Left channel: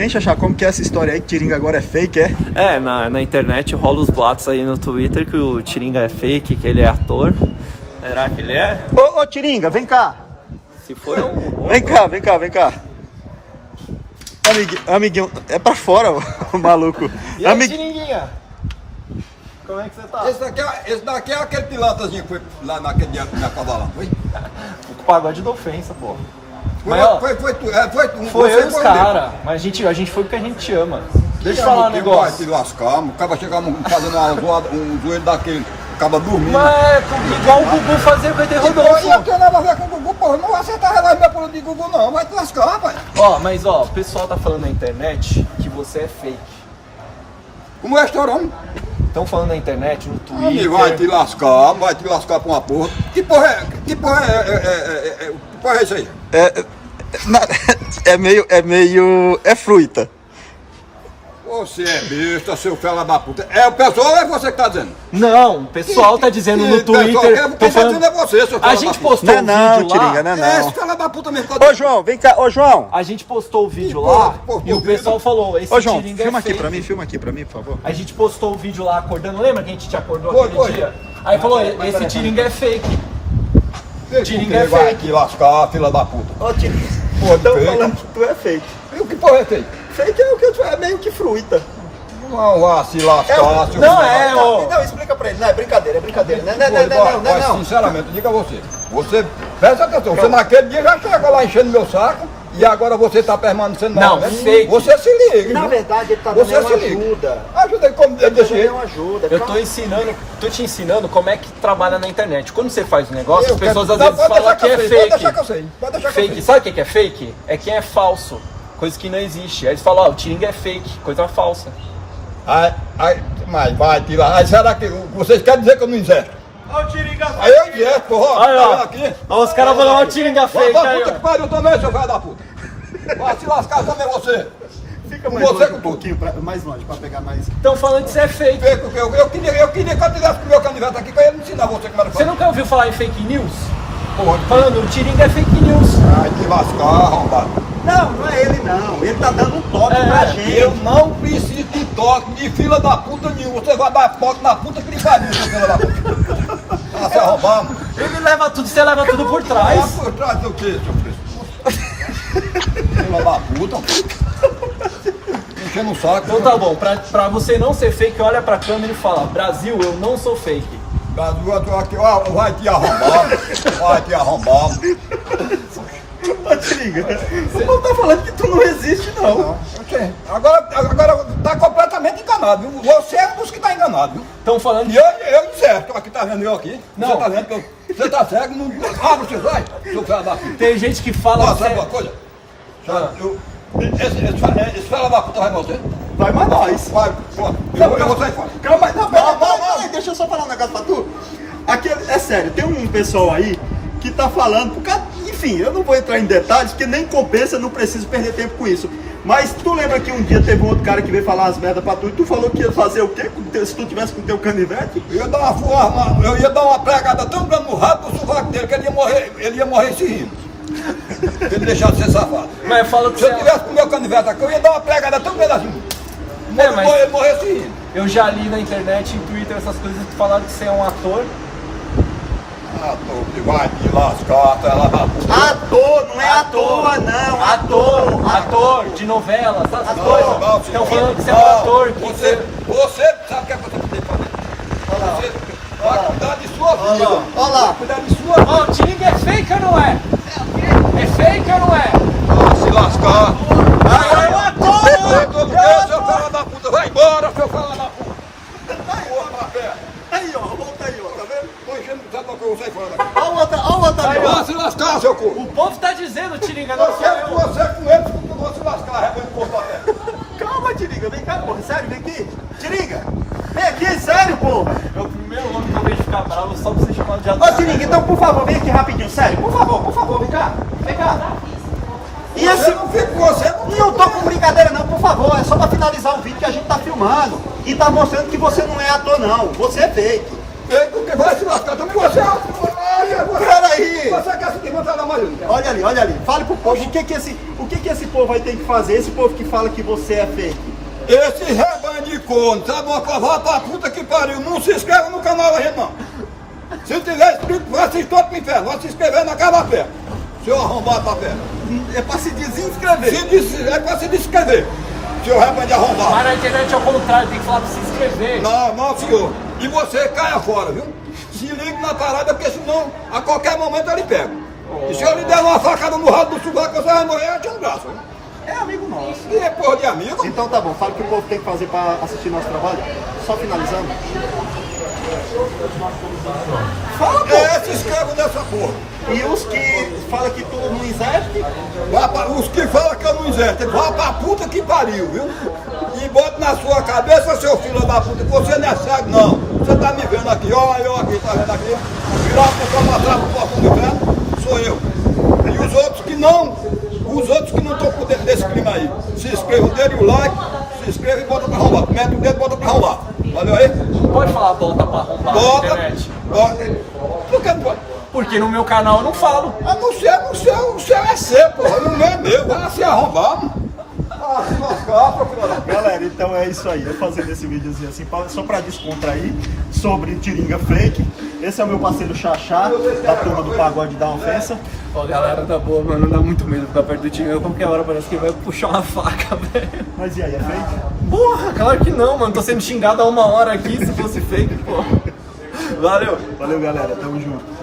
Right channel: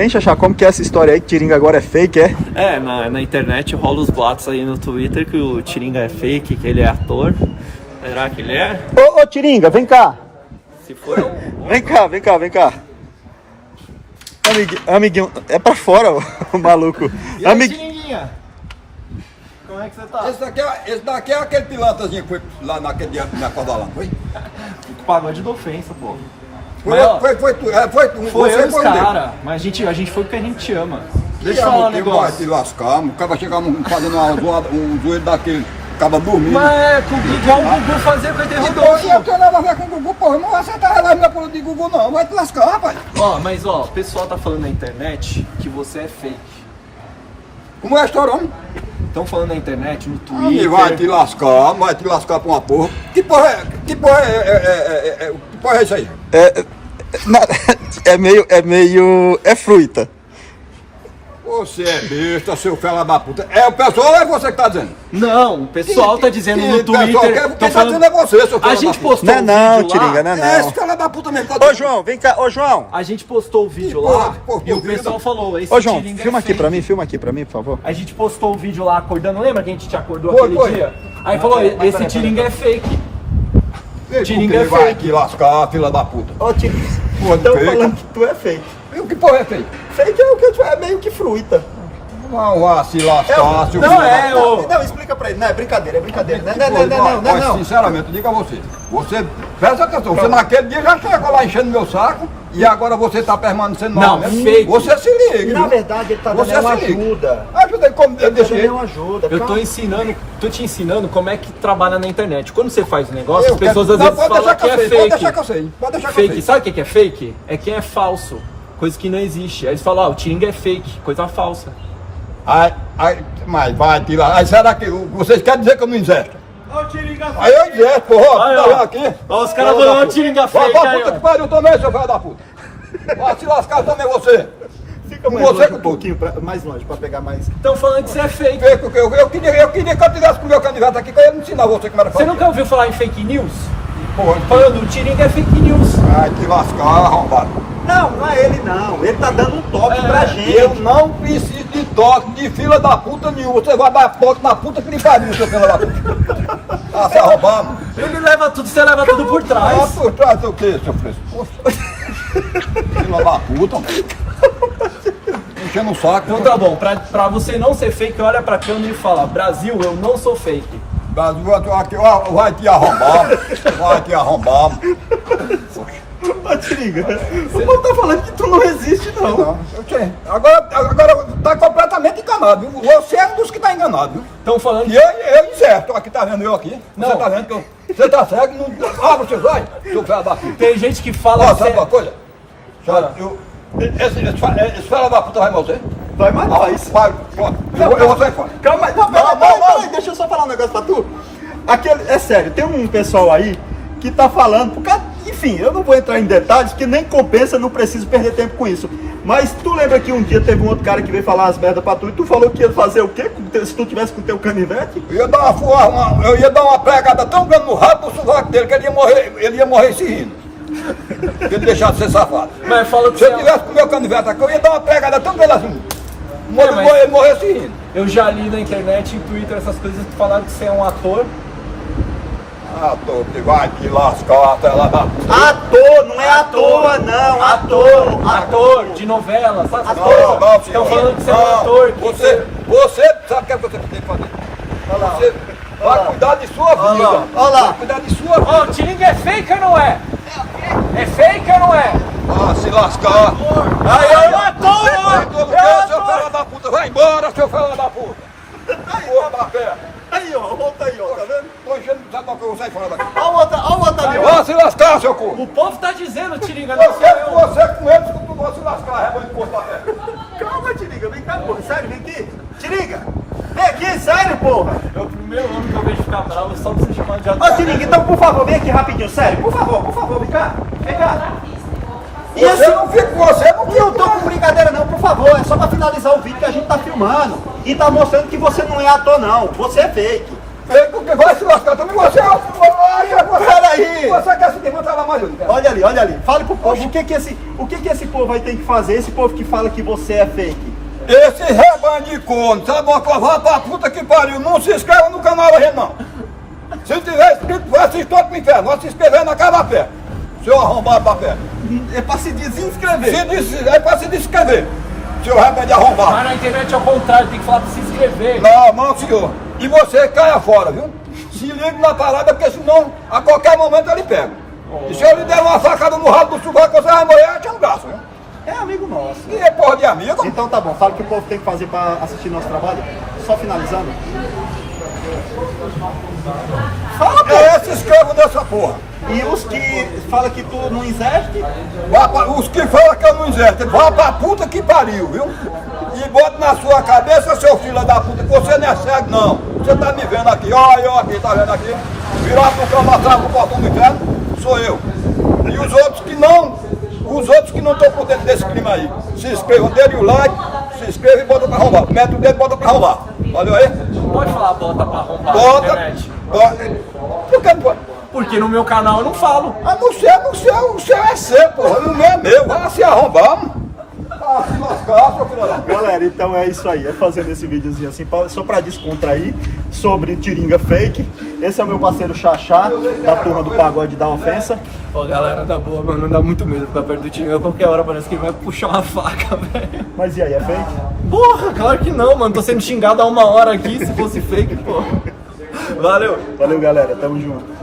Hein, Xaxá, como que é essa história aí que Tiringa agora é fake, é? Na internet rola os boatos aí no Twitter que o Tiringa é fake, que ele é ator. Será que ele é? Ô, Tiringa, vem cá. Se for... Vem cá. Amiguinho, é pra fora, o maluco. E aí, Tiringuinha? Como é que você tá? Esse daqui é aquele pilantrazinho que foi lá naquele dia na Cavalão, foi? O pagode da ofensa, pô. Foi tu. Foi Você eu, os foi cara. Mas a gente foi porque a gente te ama. Deixa eu falar um Vai negócio. te lascar, o cara chegamos fazendo um zoeiro daquele, acaba dormindo. Não é igual o Gugu fazer com o ET E eu Rodolfo. tenho nada a ver com o Gugu, porra, não vai acertar relógio meu pulo de Gugu não, vai te lascar, rapaz. Mas o pessoal tá falando na internet que você é fake. Como é a história, homem? Estão falando na internet, no Twitter. Amigo, vai te lascar pra uma porra. Que porra é isso aí? É fruta. Você é besta, seu fela da puta. É o pessoal ou é você que tá dizendo? Não, o pessoal tá dizendo no Twitter. Quem tá dizendo é você, seu fela A da gente puta. postou o Não, vídeo Tiringa, lá. não. É esse fela da puta mesmo. Ô, João, vem cá. Ô, João. A gente postou o vídeo Pô, lá pô, e o pô, pessoal falou, esse Ô, João, Tiringa filma é aqui fake. pra mim, por favor. A gente postou o vídeo lá acordando, lembra que a gente te acordou Foi, aquele foi. dia? Aí falou, esse Tiringa é fake. Tiringa é vai fake. te lascar, fila da puta. Ô, Tiringa, Tão falando que tu é fake. E o que porra é feio? Fake é o que tu é meio que fruta. Não vá se lascar, seu Não filho é, da- ô. Não, explica pra ele. Não, é brincadeira. Mas, sinceramente, diga a você. Você, presta atenção, você naquele dia já chegou lá enchendo meu saco e agora você tá permanecendo Não, novamente. fake. Você se liga. Na viu? verdade, ele tá Você dando uma se liga. ajuda. Ajuda aí como Ele tá desse dando jeito. uma ajuda. Eu tô te ensinando como é que trabalha na internet. Quando você faz um negócio, Eu as pessoas quero- às Não, vezes pode falam deixar que é eu sei, fake. Pode deixar que eu sei. Pode deixar que eu Fake. sei. Sabe o que é fake? É quem é falso. Coisa que não existe. Aí eles falam, o Tiringa é fake, coisa falsa. Mas vai tirar. Aí será que vocês querem dizer que eu não injesto? Aí eu injesto, porra. Aí, Tá ó. vendo aqui? Ó, os caras falando, ó, Tiringa fake Vai aí, pra puta ó. que pariu também, seu filho da puta. Vai se lascar também você. Fica mais Você longe com um pouquinho, mais longe, pra pegar mais... Estão falando que você é fake. Eu queria que eu tivesse com o meu candidato aqui, que eu ia ensinar você como era Você fazer. nunca ouviu falar em fake news? Porra, Falando, o Tiringa é fake news. vai te lascar, arrombado. Não é ele não. Ele tá dando um toque pra gente. Eu não preciso de toque de fila da puta nenhuma. Você vai dar toque na puta que lhe pariu, seu filho da puta. Ah, se arrombar, mano. Ele leva tudo, você leva tudo por Ah, trás. por trás do que, seu preço? Fila da puta, mano. Enchendo o saco. Então tá bom, pra você não ser fake, olha pra câmera e fala, Brasil, eu não sou fake. Brasil, aqui, ó, vai te arrombar, mano. Vai te arrombar, mano. Ô, Tiringa, o povo tá falando que tu não existe, não. Não, eu sei. Agora tá completamente enganado, viu? Você é um dos que tá enganado, viu? Estão falando E eu incerto, aqui tá vendo eu aqui? Não. Você tá vendo que você tá cego, não abre os seus olhos, seu filho da puta. tem gente que fala Ó, que sabe você... uma coisa? Esse filho da puta vai você? Vai mais nós. Vai, pronto. Eu vou sair fora. Calma aí, não, peraí, deixa eu só falar um negócio pra tu. É sério, tem um pessoal aí que tá falando, por causa, enfim, eu não vou entrar em detalhes, porque nem compensa, não preciso perder tempo com isso. Mas tu lembra que um dia teve um outro cara que veio falar umas merdas pra tu e tu falou que ia fazer o quê se tu tivesse com o teu canivete? Eu ia dar uma pregada tão grande no rabo do sovaco dele que ele ia morrer se rindo. Se ele deixar de ser safado. Mas fala que Se eu você... tivesse com o meu canivete aqui, eu ia dar uma pregada tão grande assim. mas- Ele morrer se rindo. Eu já li na internet, em Twitter, essas coisas que falaram que você é um ator. Ah, tô, que vai te lascar, ela da puta. Ator, não é à toa, não. Ator de novela, sabe essas Não, coisas? Estão senhor. falando que você é um Não, ator. Que Você sabe o que é que você tem que fazer? Você vai cuidar de sua vida. Olha lá. Vai cuidar de sua vida. Ô, o Tiringa é fake ou não é? É fake ou não é? Se lascar. Aí é um ator! Vai embora, seu filho da puta. Porra da pé. Aí, ó, volta aí, ó, tá vendo? Tô enchendo, sabe o que eu vou sair fora daqui? Olha o outro ali, ó. Vai se lascar, seu cu. O povo tá dizendo, Tiringa, não sou eu. Você com eles, tu vai se lascar, rebanho de porra da pé. Calma, Tiringa, vem cá, porra. Sério, vem aqui. Tiringa, vem aqui, sério, porra. É o primeiro ano que eu vejo ficar bravo só pra você chamar de ator. Ô, Tiringa, então, por favor, vem aqui rapidinho, sério. Por favor, vem cá. Vem cá. E Você esse... não fica com você, não Eu tô com brincadeira não, por favor, é só pra finalizar o vídeo que a gente tá filmando. E tá mostrando que você não é ator não, você é fake. fake, porque vai se lascar também. Você Peraí! Você quer se desmantar lá mais um? Olha ali. Fale pro povo o que que esse povo vai ter que fazer, esse povo que fala que você é fake. Esse rebanho de corno, sabe uma coisa? Vai pra puta que pariu. Não se inscreva no canal da gente, não. Se tiver inscrito, vai assistir todo pro inferno. Vai se inscrever na cara da fé. Seu arrombado da fé. É pra se desinscrever. É pra se descrever. Seu rebanho de arrombado. Mas na internet é o contrário, tem que falar pra se inscrever. Não, senhor. E você caia fora, viu? Se ligue na parada, porque senão a qualquer momento ele pega. E se eu lhe der uma facada no rabo do sovaco, você vai morrer tirando braço, viu? É amigo nosso. E é porra de amigo. Então tá bom, fala o que o povo tem que fazer pra assistir nosso trabalho. Só finalizando. Fala, pô! Se inscreva nessa porra. E os que falam que tu não exerce, Os que falam que eu não exerço, vá pra puta que pariu, viu? E bota na sua cabeça, seu filho da puta, que você não é cego, não. Você tá me vendo aqui, ó, eu aqui, tá vendo aqui? Virado pro cama atrás, pro portão do inferno, sou eu. E os outros que não estão por dentro desse clima aí, se inscrevam, dê o like, se inscreva e bota pra arrombar. Mete o dedo e bota pra arrombar. Valeu aí? Não pode falar bota pra arrombar na Bota, internet. Por que não pode? Porque no meu canal eu não falo. Ah, no seu, o seu é seu, porra, o meu é meu, vai se arrombar. Ah, se lascar, galera, então é isso aí. É fazendo esse videozinho assim, só pra descontrair sobre Tiringa Fake. Esse é o meu parceiro Xaxá, da turma do Pagode da Ofensa. Ó, galera, tá boa, mano, não dá muito medo ficar perto do time. Qualquer hora parece que vai puxar uma faca, velho. Mas e aí, é fake? Porra, claro que não, mano. Tô sendo xingado há 1 hora aqui, se fosse fake, porra. Valeu. Valeu, galera. Tamo junto.